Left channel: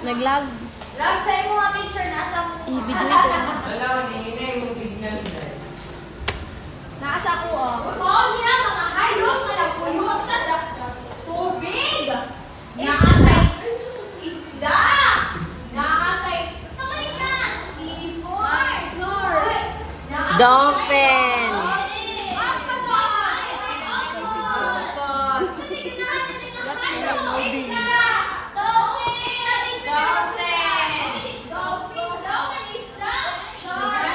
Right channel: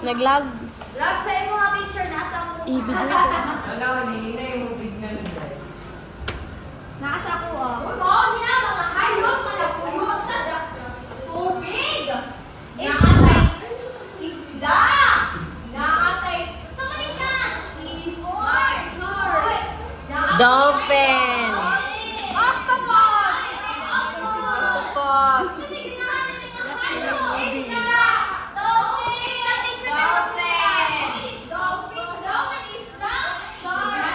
Naglag. Lag, sa'yo mo nga teacher, nasa ko. I-video ito. Wala, hindi mo signal. Nasa ko, oh. Oo, niya, mga hayop na nagpuyo sa tubig. Nakatay isda. Nakatay, sa kanina, ibon. Dolphin. Octopus. Octopus. Dolphin. Dolphin daw, may isda. Dolphin.